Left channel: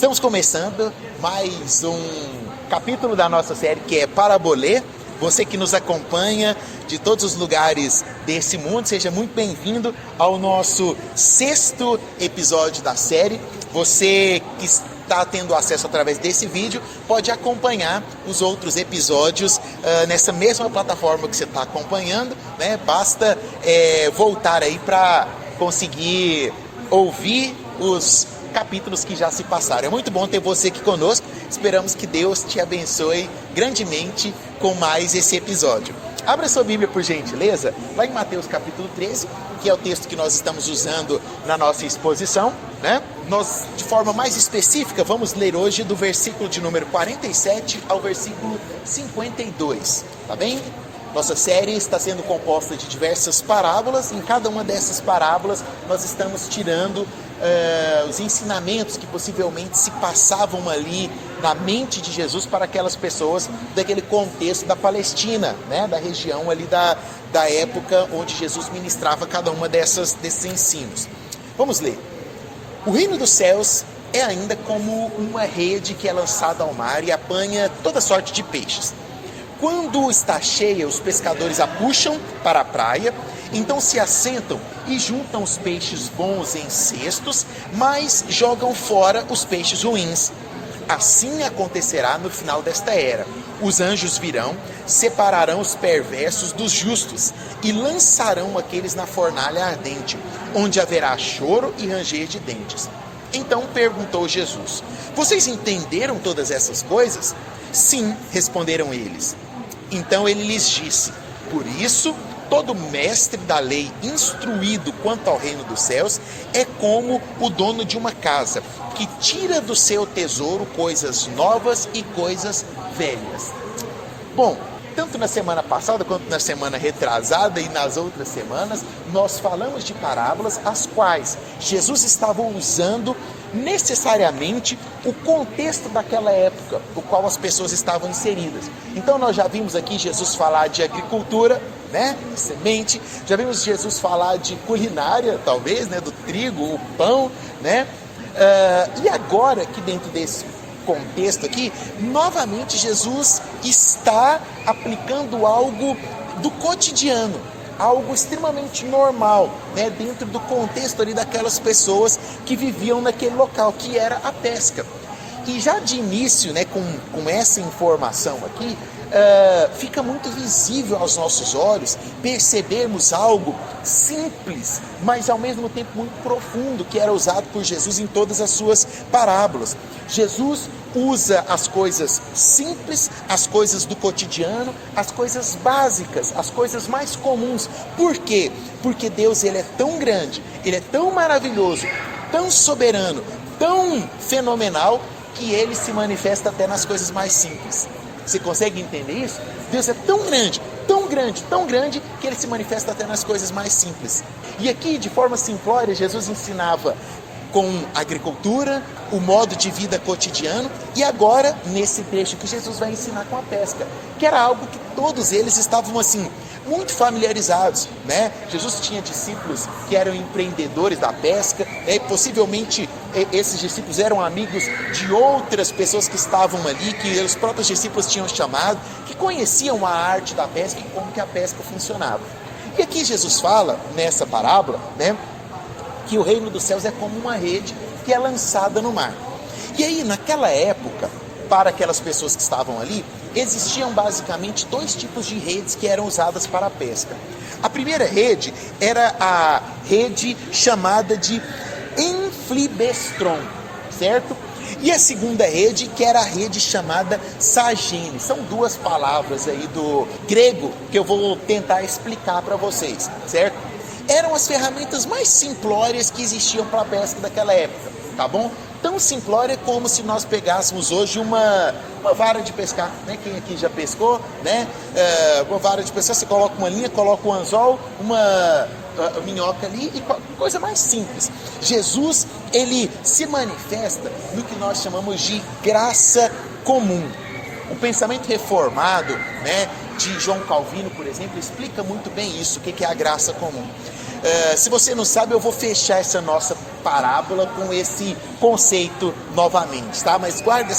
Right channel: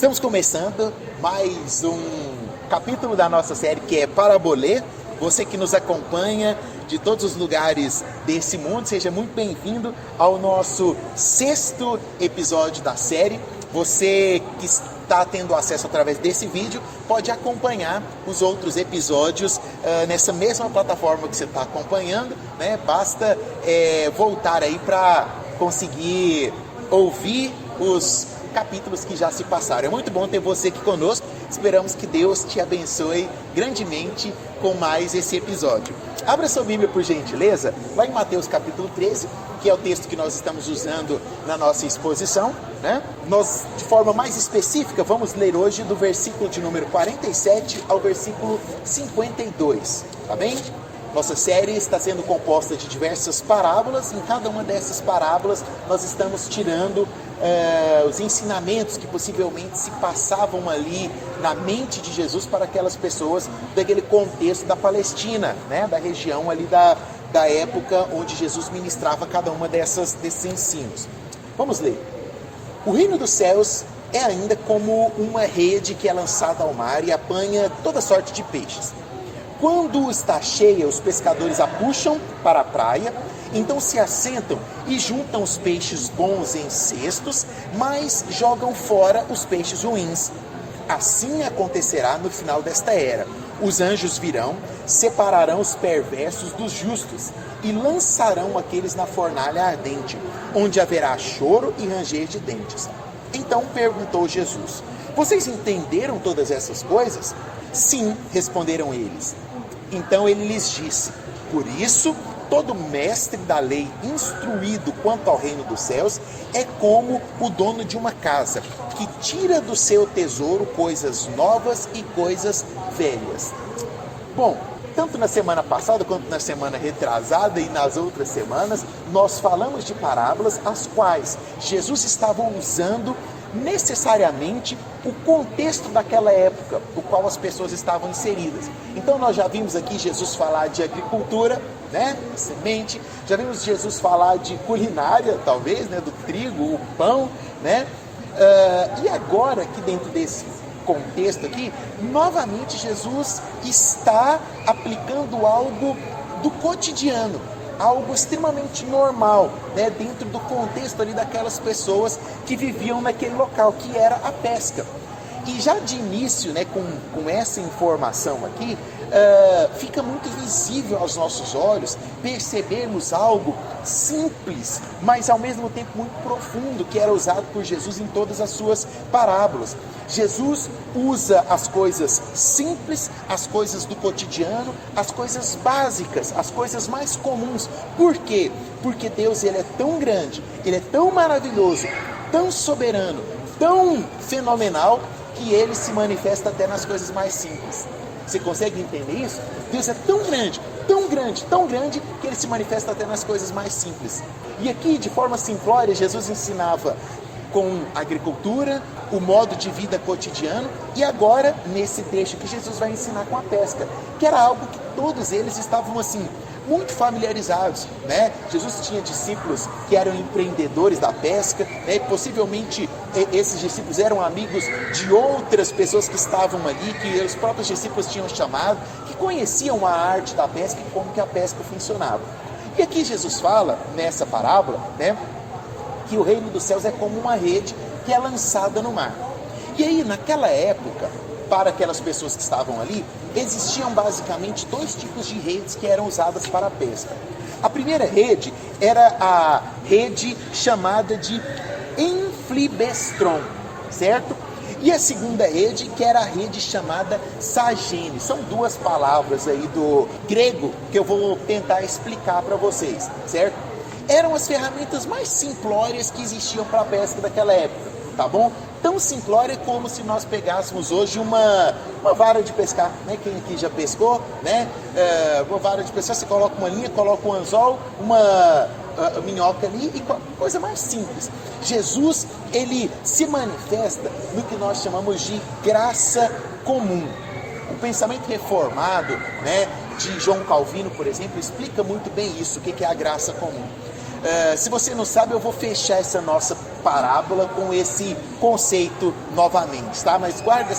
Estamos começando mais um capítulo da nossa série que é Parabolê. Você que nos acompanha de todos os lugares desse mundo, seja muito bem-vindo ao nosso 6º episódio da série. Você que está tendo acesso através desse vídeo pode acompanhar os outros episódios nessa mesma plataforma que você está acompanhando, né? Basta voltar aí para conseguir ouvir os capítulos que já se passaram. É muito bom ter você aqui conosco. Esperamos que Deus te abençoe grandemente com mais esse episódio. Abra sua Bíblia, por gentileza, lá em Mateus capítulo 13, que é o texto que nós estamos usando na nossa exposição, né? Nós, de forma mais específica, vamos ler hoje do versículo de número 47 ao versículo 52, tá bem? Nossa série está sendo composta de diversas parábolas. Em cada uma dessas parábolas nós estamos tirando os ensinamentos que possivelmente se passavam ali na mente de Jesus para aquelas pessoas daquele contexto da Palestina, né? Da região ali da época onde Jesus ministrava cada uma desses ensinos. Vamos ler. O reino dos céus é ainda como uma rede que é lançada ao mar e apanha toda sorte de peixes. Quando está cheia, os pescadores a puxam para a praia, então se assentam e juntam os peixes bons em cestos, mas jogam fora os peixes ruins. Assim acontecerá no final desta era. Os anjos virão, separarão os perversos dos justos e lançarão aqueles na fornalha ardente, onde haverá choro e ranger de dentes. Então perguntou Jesus: vocês entenderam todas essas coisas? Sim, responderam eles. Então ele lhes disse: por isso, todo mestre da lei instruído quanto ao reino dos céus é como o dono de uma casa, que tira do seu tesouro coisas novas e coisas velhas. Bom, tanto na semana passada quanto na semana retrasada e nas outras semanas, nós falamos de parábolas as quais Jesus estava usando necessariamente o contexto daquela época, o qual as pessoas estavam inseridas. Então nós já vimos aqui Jesus falar de agricultura, né, semente, já vimos Jesus falar de culinária, talvez, né, do trigo, o pão, né, e agora aqui dentro desse contexto aqui, novamente Jesus está aplicando algo do cotidiano, algo extremamente normal, né, dentro do contexto ali daquelas pessoas que viviam naquele local, que era a pesca. E já de início, né, com essa informação aqui, fica muito visível aos nossos olhos percebermos algo simples, mas ao mesmo tempo muito profundo, que era usado por Jesus em todas as suas parábolas. Jesus usa as coisas simples, as coisas do cotidiano, as coisas básicas, as coisas mais comuns. Por quê? Porque Deus, ele é tão grande, ele é tão maravilhoso, tão soberano, tão fenomenal, que ele se manifesta até nas coisas mais simples. Você consegue entender isso? Deus é tão grande, tão grande, tão grande, que ele se manifesta até nas coisas mais simples. E aqui, de forma simplória, Jesus ensinava com agricultura, o modo de vida cotidiano, e agora, nesse trecho que Jesus vai ensinar com a pesca, que era algo que todos eles estavam assim, muito familiarizados, né? Jesus tinha discípulos que eram empreendedores da pesca, né? E possivelmente esses discípulos eram amigos de outras pessoas que estavam ali, que os próprios discípulos tinham chamado, que conheciam a arte da pesca e como que a pesca funcionava. E aqui Jesus fala, nessa parábola, né, que o reino dos céus é como uma rede que é lançada no mar. E aí, naquela época, para aquelas pessoas que estavam ali, existiam basicamente 2 tipos de redes que eram usadas para a pesca. A primeira rede era a rede chamada de Enflibestron, certo? E a segunda rede, que era a rede chamada Sagene. São 2 palavras aí do grego que eu vou tentar explicar para vocês, certo? Eram as ferramentas mais simplórias que existiam para a pesca daquela época, tá bom? Tão simplória como se nós pegássemos hoje uma vara de pescar, né? Quem aqui já pescou, né? Uma vara de pescar, você coloca uma linha, coloca um anzol, uma minhoca ali, e coisa mais simples. Jesus, ele se manifesta no que nós chamamos de graça comum. O pensamento reformado, né, de João Calvino, por exemplo, explica muito bem isso, o que é a graça comum. Se você não sabe, eu vou fechar essa nossa parábola com esse conceito novamente, tá? Mas guarda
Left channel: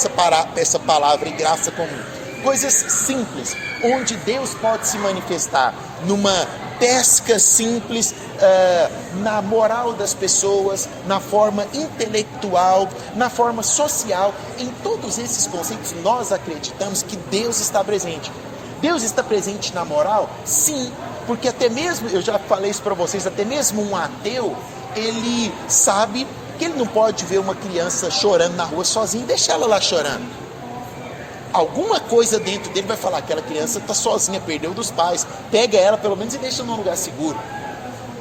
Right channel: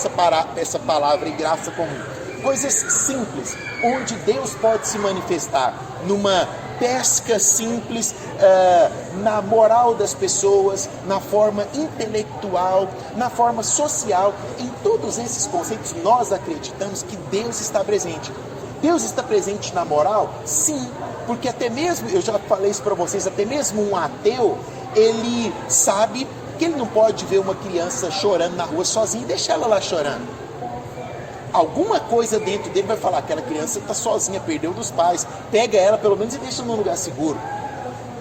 essa palavra em graça comum. Coisas simples, onde Deus pode se manifestar numa pesca simples, na moral das pessoas, na forma intelectual, na forma social. Em todos esses conceitos nós acreditamos que Deus está presente. Deus está presente na moral? Sim, porque até mesmo, eu já falei isso para vocês, até mesmo um ateu, ele sabe que ele não pode ver uma criança chorando na rua sozinha e deixar ela lá chorando. Alguma coisa dentro dele vai falar, aquela criança está sozinha, perdeu dos pais, pega ela pelo menos e deixa num lugar seguro.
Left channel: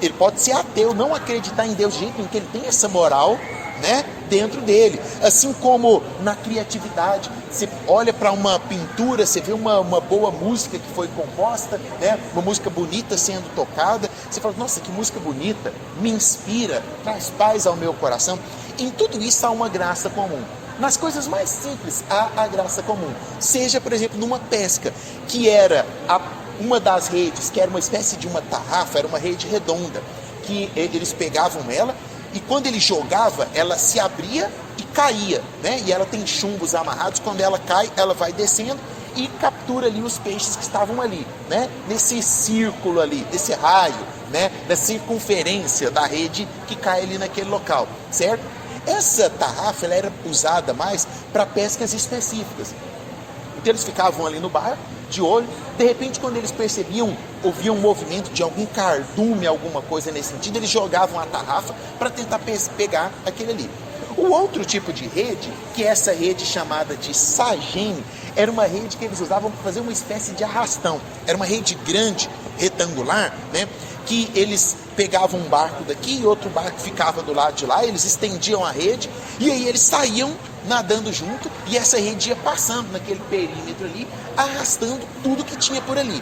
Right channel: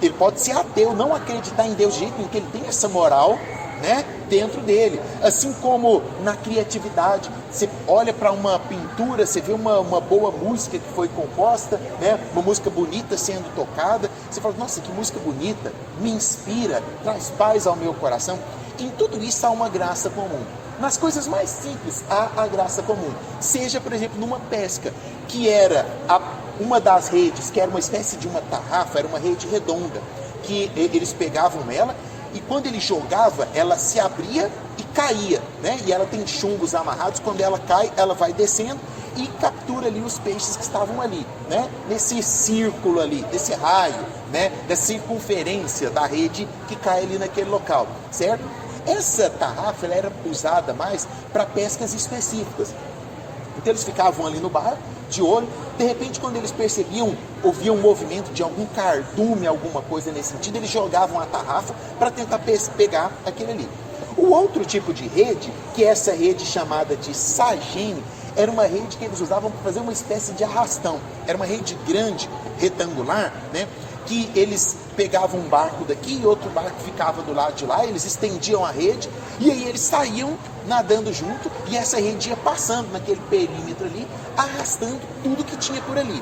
Ele pode ser ateu, não acreditar em Deus de jeito nenhum, que ele tem essa moral, né, dentro dele. Assim como na criatividade, você olha para uma pintura, você vê uma boa música que foi composta, né, uma música bonita sendo tocada, você fala, nossa, que música bonita, me inspira, traz paz ao meu coração. Em tudo isso há uma graça comum. Nas coisas mais simples há a graça comum. Seja, por exemplo, numa pesca, que era uma das redes, que era uma espécie de uma tarrafa, era uma rede redonda, que eles pegavam ela, e quando ele jogava, ela se abria e caía, né? E ela tem chumbos amarrados, quando ela cai, ela vai descendo e captura ali os peixes que estavam ali, né? Nesse círculo ali, nesse raio, né? Da circunferência da rede que cai ali naquele local, certo? Essa tarrafa ela era usada mais para pescas específicas. Então eles ficavam ali no barco, de olho, de repente quando eles percebiam, ouviam um movimento de algum cardume, alguma coisa nesse sentido, eles jogavam a tarrafa para tentar pegar aquele ali. O outro tipo de rede, que é essa rede chamada de sagem, era uma rede que eles usavam para fazer uma espécie de arrastão. Era uma rede grande, retangular, né? Que eles pegavam um barco daqui e outro barco ficava do lado de lá, eles estendiam a rede e aí eles saíam nadando junto e essa rede ia passando naquele perímetro ali, arrastando tudo que tinha por ali.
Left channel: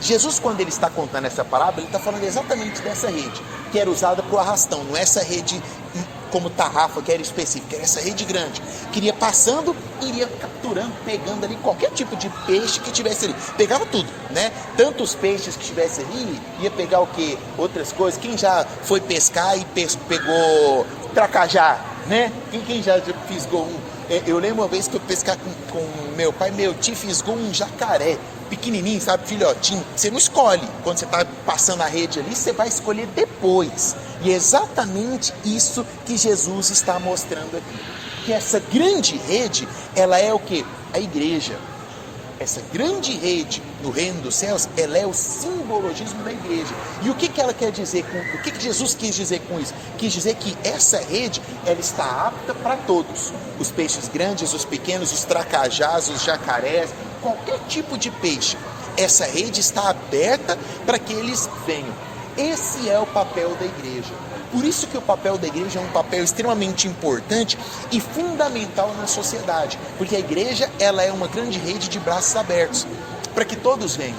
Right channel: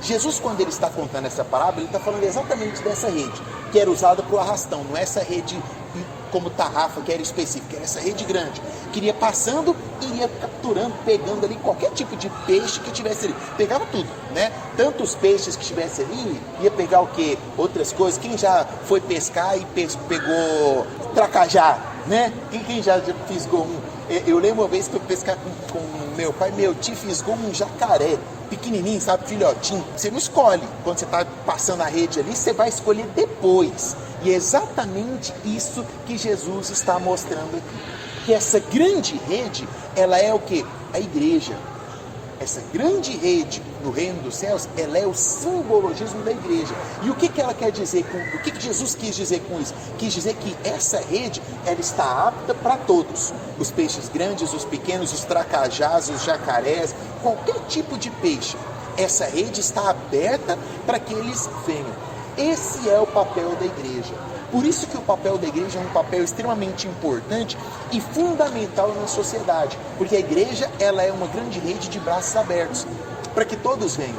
Jesus, quando ele está contando essa parábola, ele está falando exatamente dessa rede, que era usada para o arrastão, não é essa rede como tarrafa, que era específica, era essa rede grande, que iria passando e iria capturando, pegando ali qualquer tipo de peixe que tivesse ali, pegava tudo, né? Tanto os peixes que estivesse ali, ia pegar o quê? Outras coisas. Quem já foi pescar e pegou tracajá, né? Quem já fisgou um? Eu lembro uma vez que eu pescar com meu pai, meu tio fisgou um jacaré, pequenininho, sabe, filhotinho. Você não escolhe, quando você está passando a rede ali, você vai escolher depois. E é exatamente isso que Jesus está mostrando aqui. Que essa grande rede, ela é o quê? A igreja. Essa grande rede no reino dos céus, ela é o simbologismo da igreja. E o que ela quer dizer o que Jesus quis dizer com isso? Quis dizer que essa rede, ela está apta para todos. Os peixes grandes, os pequenos, os tracajás, os jacarés, qualquer tipo de peixe. Essa rede está aberta para que eles venham. Esse é o papel da igreja. Por isso que o papel da igreja é um papel extremamente importante e fundamental na sociedade, porque a igreja ela é uma grande rede de braços abertos, para que todos venham,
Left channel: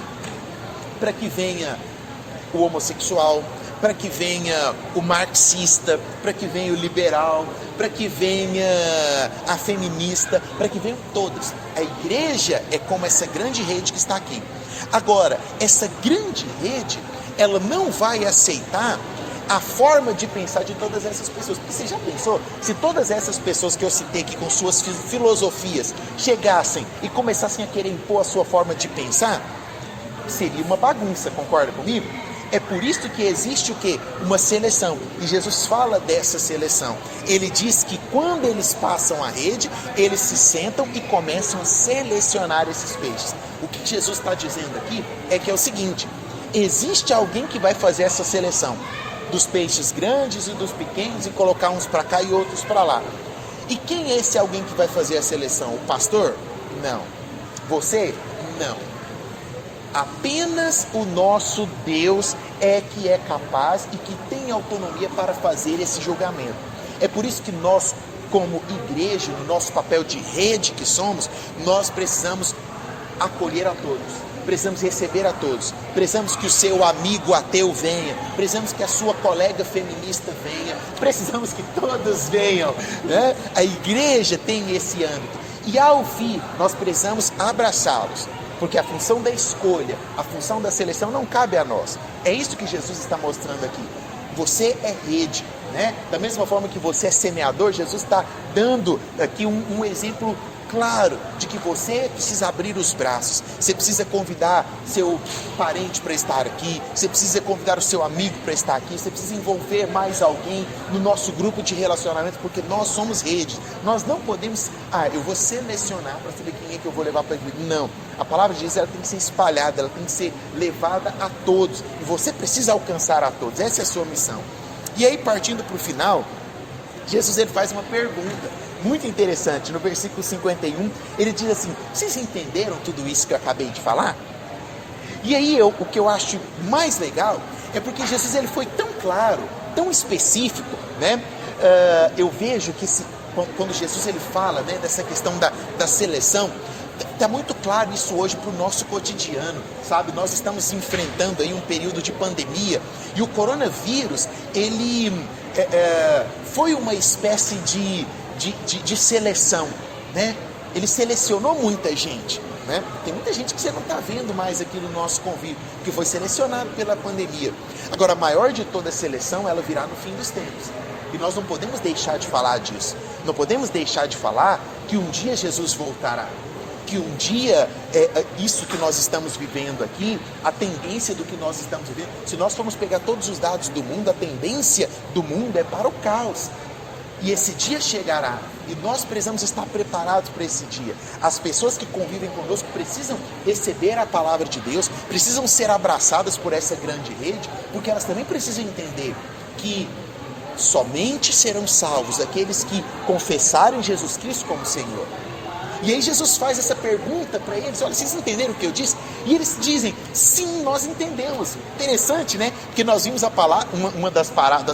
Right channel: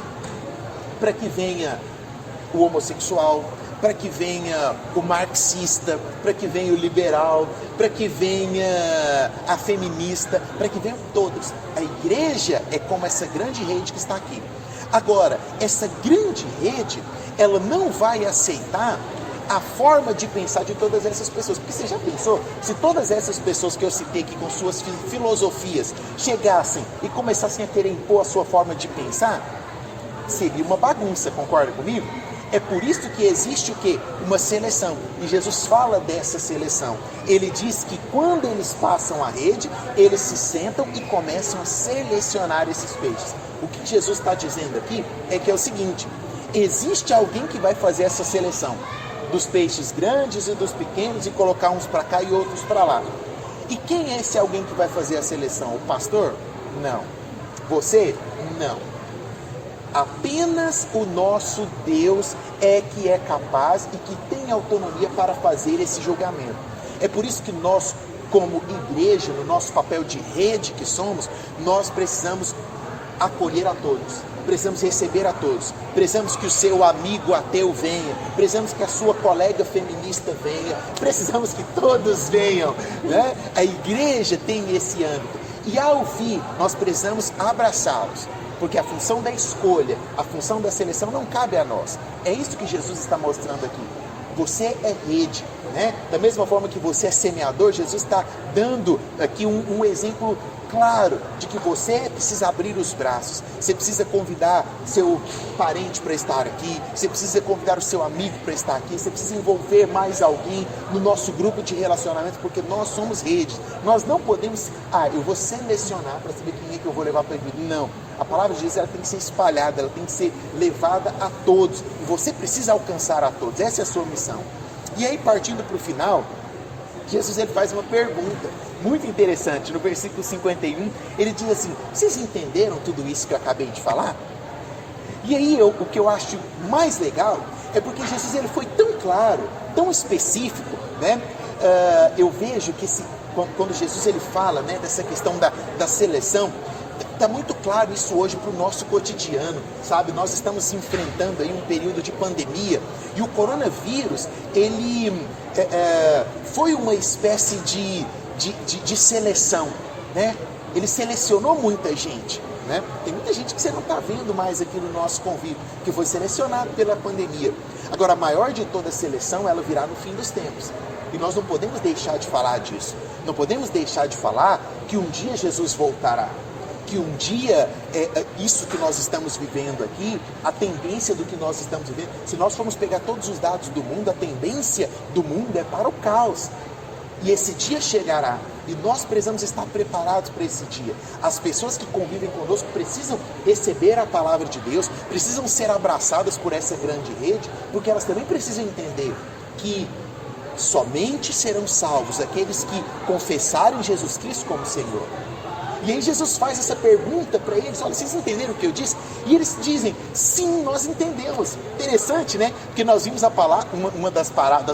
para que venha o homossexual, para que venha o marxista, para que venha o liberal, para que venha a feminista, para que venham todos. A igreja é como essa grande rede que está aqui. Agora, essa grande rede, ela não vai aceitar a forma de pensar de todas essas pessoas. Porque você já pensou, se todas essas pessoas que eu citei aqui com suas filosofias chegassem e começassem a querer impor a sua forma de pensar, seria uma bagunça, concorda comigo? É por isso que existe o quê? Uma seleção. E Jesus fala dessa seleção. Ele diz que quando eles passam a rede, eles se sentam e começam a selecionar esses peixes. O que Jesus está dizendo aqui é que é o seguinte: existe alguém que vai fazer essa seleção dos peixes grandes e dos pequenos e colocar uns para cá e outros para lá. E quem é esse alguém que vai fazer a seleção? O pastor? Não. Você? Não. Apenas o nosso Deus é que é capaz e que tem autonomia para fazer esse julgamento. É por isso que nós, como igreja, no nosso papel de rede que somos, nós precisamos acolher a todos. Precisamos receber a todos, precisamos que o seu amigo ateu venha, precisamos que a sua colega feminista venha, precisamos que todos venham, né? A igreja tem esse âmbito, e ao vir nós precisamos abraçá-los, porque a função da escolha, a função da seleção não cabe a nós. É isso que Jesus está mostrando aqui. Você é rede, né? Da mesma forma que você é semeador, Jesus está dando aqui um exemplo claro de que você precisa abrir os braços, você precisa convidar seu parente para estar aqui, você precisa convidar o seu amigo para estar aqui, você precisa envolver mais alguém no nosso grupo de relacionamento, porque nós somos redes. Nós não podemos, eu vou selecionar para saber quem é que eu vou levar para a igreja. Não, a palavra de Deus, ela tem que ser espalhada, ela tem que ser levada a todos, e você precisa alcançar a todos. Essa é a sua missão. E aí, partindo para o final, Jesus, ele faz uma pergunta muito interessante. No versículo 51, ele diz assim: vocês entenderam tudo isso que eu acabei de falar? E aí, o que eu acho mais legal é porque Jesus, ele foi tão claro, tão específico, né? Eu vejo que quando Jesus, ele fala, né, dessa questão da seleção, está muito claro isso hoje para o nosso cotidiano, sabe? Nós estamos enfrentando aí um período de pandemia, e o coronavírus, ele foi uma espécie de seleção, né? Ele selecionou muita gente, né? Tem muita gente que você não está vendo mais aqui no nosso convívio, que foi selecionado pela pandemia. Agora, a maior de toda a seleção, ela virá no fim dos tempos, e nós não podemos deixar de falar disso. Não podemos deixar de falar que um dia Jesus voltará, que um dia, isso que nós estamos vivendo aqui, a tendência do que nós estamos vivendo, se nós formos pegar todos os dados do mundo, a tendência do mundo é para o caos. E esse dia chegará, e nós precisamos estar preparados para esse dia. As pessoas que convivem conosco precisam receber a palavra de Deus, precisam ser abraçadas por essa grande rede, porque elas também precisam entender que somente serão salvos aqueles que confessarem Jesus Cristo como Senhor. E aí Jesus faz essa pergunta para eles: olha, vocês entenderam o que eu disse? E eles dizem: sim, nós entendemos. Interessante, né? Porque nós vimos uma das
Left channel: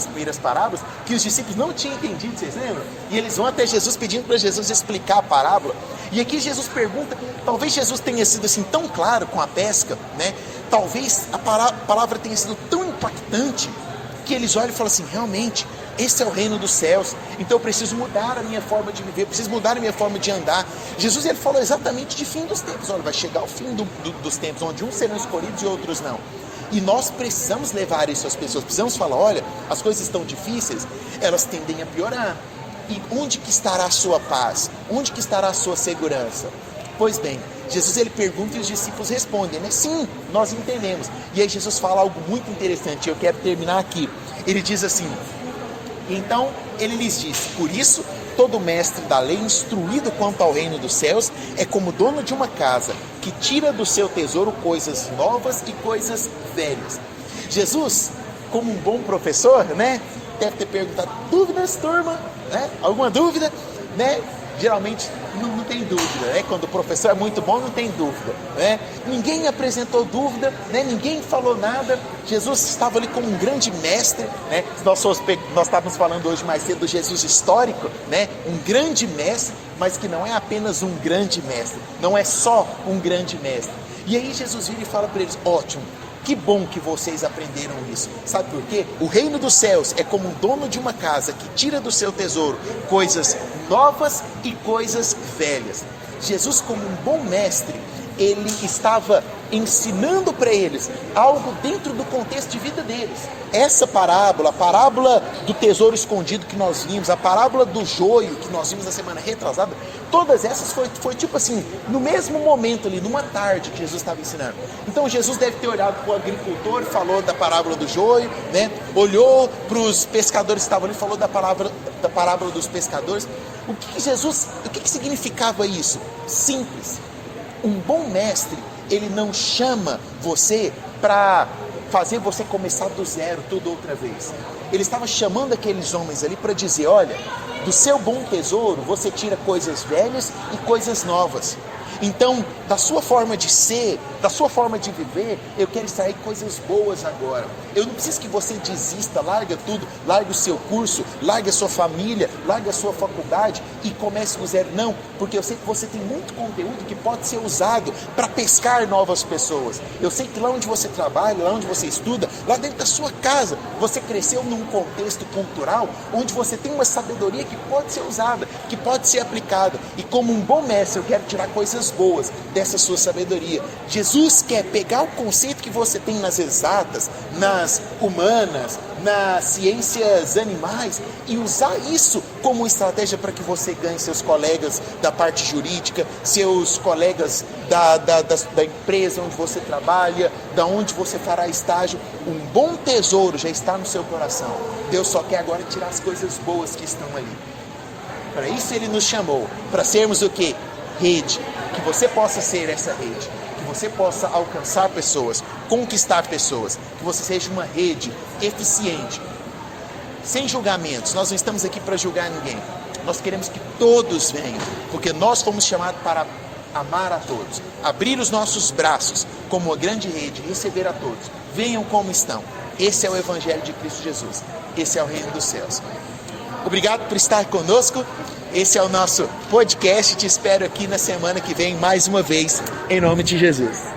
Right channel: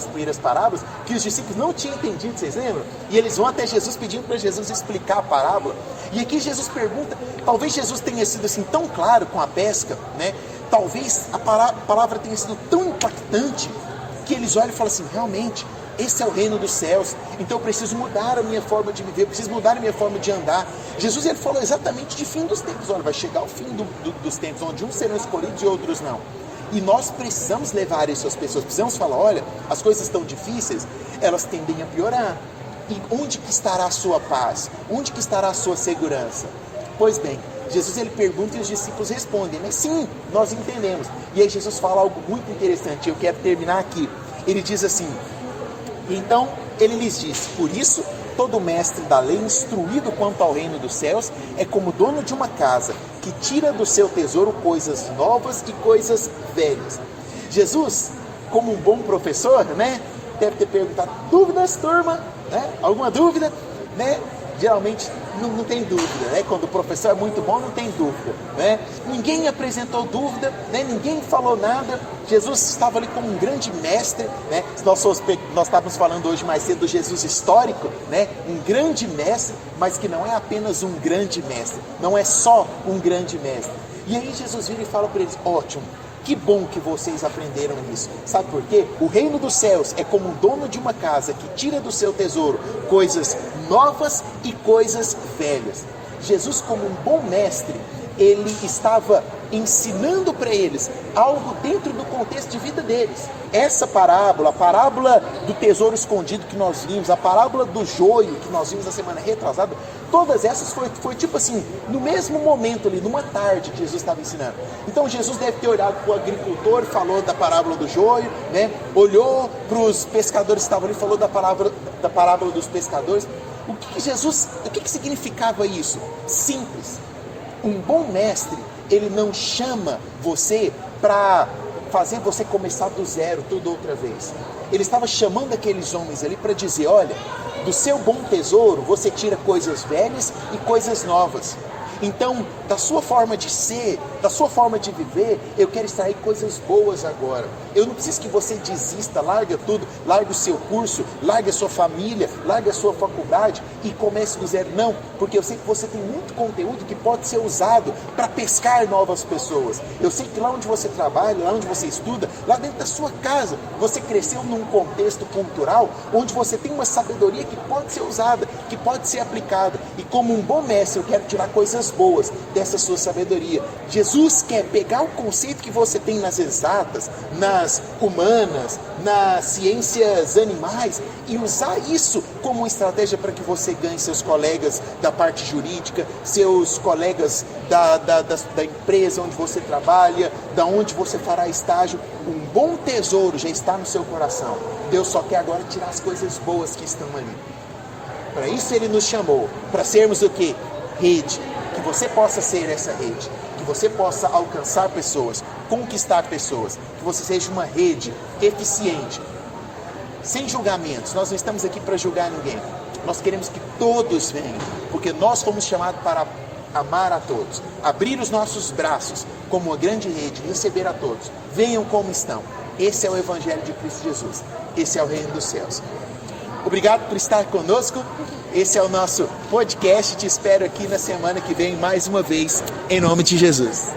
primeiras parábolas que os discípulos não tinham entendido, vocês lembram? E eles vão até Jesus pedindo para Jesus explicar a parábola. E aqui Jesus pergunta, talvez Jesus tenha sido assim tão claro com a pesca, né? Talvez a palavra tenha sido tão impactante que eles olham e falam assim: realmente, esse é o reino dos céus, então eu preciso mudar a minha forma de viver, eu preciso mudar a minha forma de andar. Jesus, ele falou exatamente de fim dos tempos. Olha, vai chegar o fim dos tempos, onde uns serão escolhidos e outros não. E nós precisamos levar isso às pessoas, precisamos falar: olha, as coisas estão difíceis, elas tendem a piorar. E onde que estará a sua paz? Onde que estará a sua segurança? Pois bem, Jesus, ele pergunta e os discípulos respondem, né? Sim, nós entendemos. E aí Jesus fala algo muito interessante, eu quero terminar aqui. Ele diz assim: então ele lhes disse: por isso, todo mestre da lei, instruído quanto ao reino dos céus, é como dono de uma casa, que tira do seu tesouro coisas novas e coisas velhas. Jesus, como um bom professor, né, deve ter perguntado: dúvidas, turma? Né? Alguma dúvida? Né? Geralmente não tem dúvida, né? Quando o professor é muito bom, não tem dúvida, né? Ninguém apresentou dúvida, né? Ninguém falou nada. Jesus estava ali como um grande mestre, né? Nós estávamos falando hoje mais cedo do Jesus histórico, né? Um grande mestre, mas que não é apenas um grande mestre, não é só um grande mestre. E aí Jesus vira e fala para eles: ótimo, que bom que vocês aprenderam isso. Sabe por quê? O reino dos céus é como o dono de uma casa que tira do seu tesouro coisas novas e coisas velhas. Jesus, como um bom mestre, ele estava ensinando para eles algo dentro do contexto de vida deles. Essa parábola, a parábola do tesouro escondido que nós vimos, a parábola do joio que nós vimos na semana retrasada, todas essas foi tipo assim, no mesmo momento ali, numa tarde que Jesus estava ensinando. Então Jesus deve ter olhado para o agricultor, falou da parábola do joio, né? Olhou para os pescadores que estavam ali, falou da parábola dos pescadores. O que significava isso? Simples. Um bom mestre, ele não chama você para fazer você começar do zero tudo outra vez. Ele estava chamando aqueles homens ali para dizer: olha, do seu bom tesouro você tira coisas velhas e coisas novas. Então, da sua forma de ser, da sua forma de viver, eu quero extrair coisas boas agora. Eu não preciso que você desista, larga tudo, larga o seu curso, larga a sua família, larga a sua faculdade e comece do zero. Não, porque eu sei que você tem muito conteúdo que pode ser usado para pescar novas pessoas. Eu sei que lá onde você trabalha, lá onde você estuda, lá dentro da sua casa, você cresceu num contexto cultural onde você tem uma sabedoria que pode ser usada, que pode ser aplicada. E como um bom mestre, eu quero tirar coisas boas dessa sua sabedoria. Jesus quer pegar o conceito que você tem nas exatas, nas humanas, nas ciências animais e usar isso como uma estratégia para que você ganhe seus colegas da parte jurídica, seus colegas da empresa onde você trabalha, da onde você fará estágio. Um bom tesouro já está no seu coração. Deus só quer agora tirar as coisas boas que estão ali. Para isso Ele nos chamou, para sermos o quê? Rede. Que você possa ser essa rede, que você possa alcançar pessoas, conquistar pessoas, que você seja uma rede eficiente, sem julgamentos. Nós não estamos aqui para julgar ninguém, nós queremos que todos venham, porque nós fomos chamados para amar a todos, abrir os nossos braços como uma grande rede, receber a todos. Venham como estão. Esse é o Evangelho de Cristo Jesus, esse é o Reino dos Céus. Obrigado por estar conosco. Esse é o nosso podcast. Te espero aqui na semana que vem mais uma vez, em nome de Jesus.